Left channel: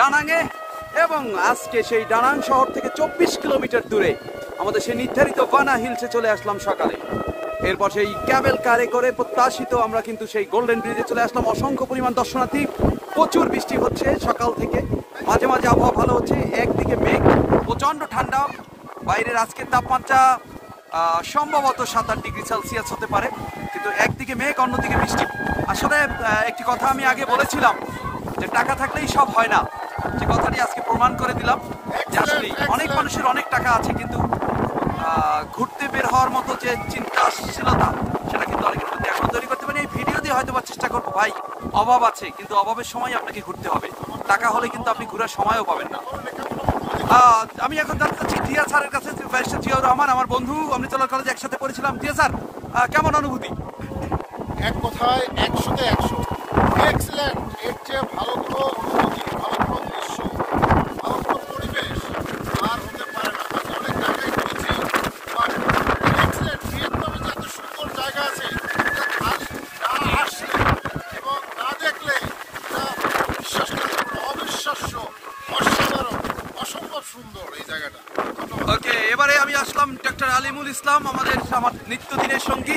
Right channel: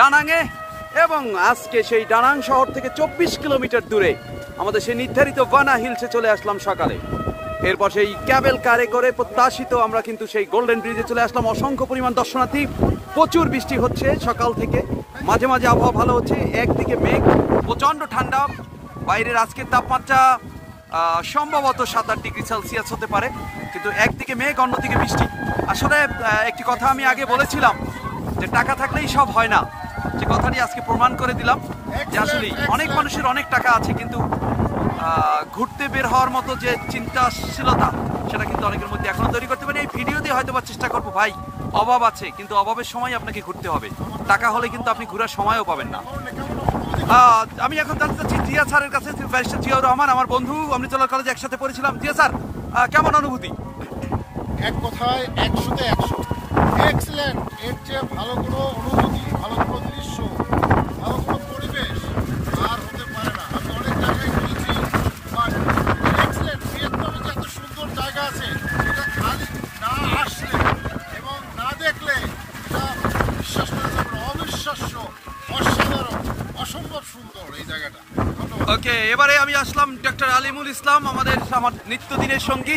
ডানাঙে, এবং আজকে সেই ডানাং শহর থেকে 24 কিলোমিটার দূরে আমাদের সেই নির্ধারিত বানা হিলসে চলে আসলাম সকালে। এরপর সেই ক্যাবেল কারে করে প্রত্যাশিত আমরা কিন্তু সেই গোল্ডেন ব্রিজে চলে আসলাম। অসংখ্য পরিমাণ দর্শনার্থী, প্রচুর বৃষ্টি হচ্ছে সকাল থেকে, মাঝে মাঝে আবহাওয়া ভালো হচ্ছে, একদিকে মেঘ, প্রচন্ড ঠান্ডা। বাইরের আজকের তাপমাত্রা সম্ভবত 7-8 ডিগ্রি সেলসিয়াস হতে পারে, কিন্তু একদিকে মেঘ অন্যদিকে বৃষ্টি। আসলে একটি কথা আমি আগে বলেছিলাম যে টাকা থাকলেই সব হয় না, যে কথাটি আজকে প্রমাণ করে দিলাম যে আসলে অনেক মানুষের অনেক টাকা আছে, কিন্তু ঘুরতে বের হওয়ার মতো যে চিন্তাশীলতা সেটা কিন্তু অনেকের মধ্যে এখনো তৈরি করতে পারি। এই ভিডিও দিয়ে হয়তো বা চেষ্টা করবো, ভাই অভাব আছে, কিন্তু অভাবের সময় আপনাকে ঘুরতে হবে। টাকা হলে কিন্তু আপনি ঘোরার সময়ও পাবেন না। আমি এখন জানতে চাচ্ছি জিয়া স্যারের কাছে, ব্যারিস্টার জিয়াউর রহমান, আমার বন্ধু, অমৃতলাল কলেজে একসাথে পড়েছিলাম। জিয়া স্যার, কেমন অনুভূতি? এক কথায় 100-তে 100, এক্সিলেন্ট। এর চেয়ে ভালো কোনো অনুভূতি, ভালো কোনো দৃশ্য, ভালো কোনো পরিবেশ আর হতে পারে না। আমি অনেক জায়গায় ঘুরেছি, এক্সিলেন্ট। ভিয়েতনামে যে এত সুন্দর জায়গা আছে, এটা খালি না আসলে এবং না দেখলে এটা বিশ্বাস করতে পারবে না। অবিশ্বাস্য, অসাধারণ, অসম্ভব সুন্দর এই জায়গাটা। ওকে, এবারে আমি আসলাম ডক্টর আলিমুল ইসলাম, আমার নিত্যদিনের সঙ্গী।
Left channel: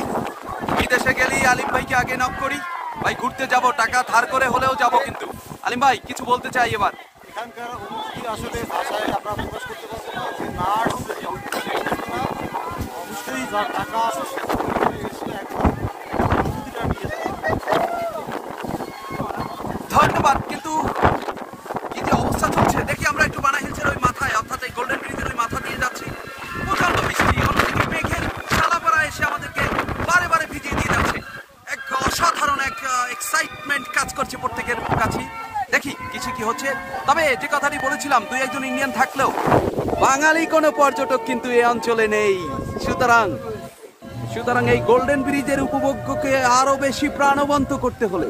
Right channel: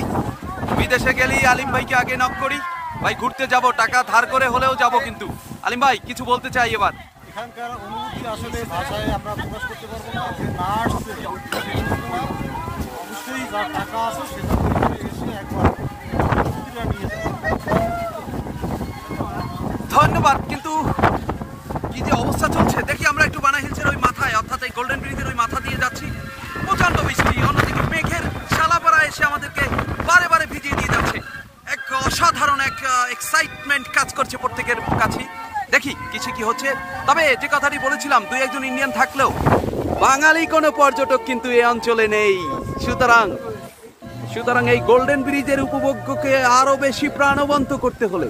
বিদেশে গেলেই আলিম ভাইকে আগে নক করি, ভাই ঘুরতে যাব, টাকা ধার করে হলেও যাব। কিন্তু আলিম ভাই কিছু বলতে চাই এবার। এখানকার অনুভূতি আসলে ভাষায় আমরা প্রকাশ করতে পারবো না, যে না আসছে অবশ্যই যার টাকা আছে সেটা এসে একবার অনুভূতিটা নিয়ে যায়। ধন্যবাদ। কিন্তু কি যে অবস্থা চলছে দেখি, আমরা একটু বানা হিলসের ওই মাথায়, অর্থাৎ এই গোল্ডেন ব্রিজের ওই মাথা দিয়ে যাচ্ছি, প্রচন্ড বৃষ্টি, অন্যদিকে মেঘের শালাপাড়া এসে আমাদেরকে বারে বারে ভিজিয়ে দিয়ে যাচ্ছে। এক অসাধারণ এক এক্সাইটমেন্ট কাজ করছে প্রত্যেকের কাছেই। দেখি কিছু কি হচ্ছে। তবে যে কথাটি বলেছিলাম, 2-1 ইন্ডিয়ান থাকলেও বাঙালি কোনো পর্যটক কিন্তু এই অঞ্চলে নেই। সুতরাং এই গোল্ডেন ব্রিজের উপভোগ্যকে আরো বেশি প্রাণবন্ত করতে হলে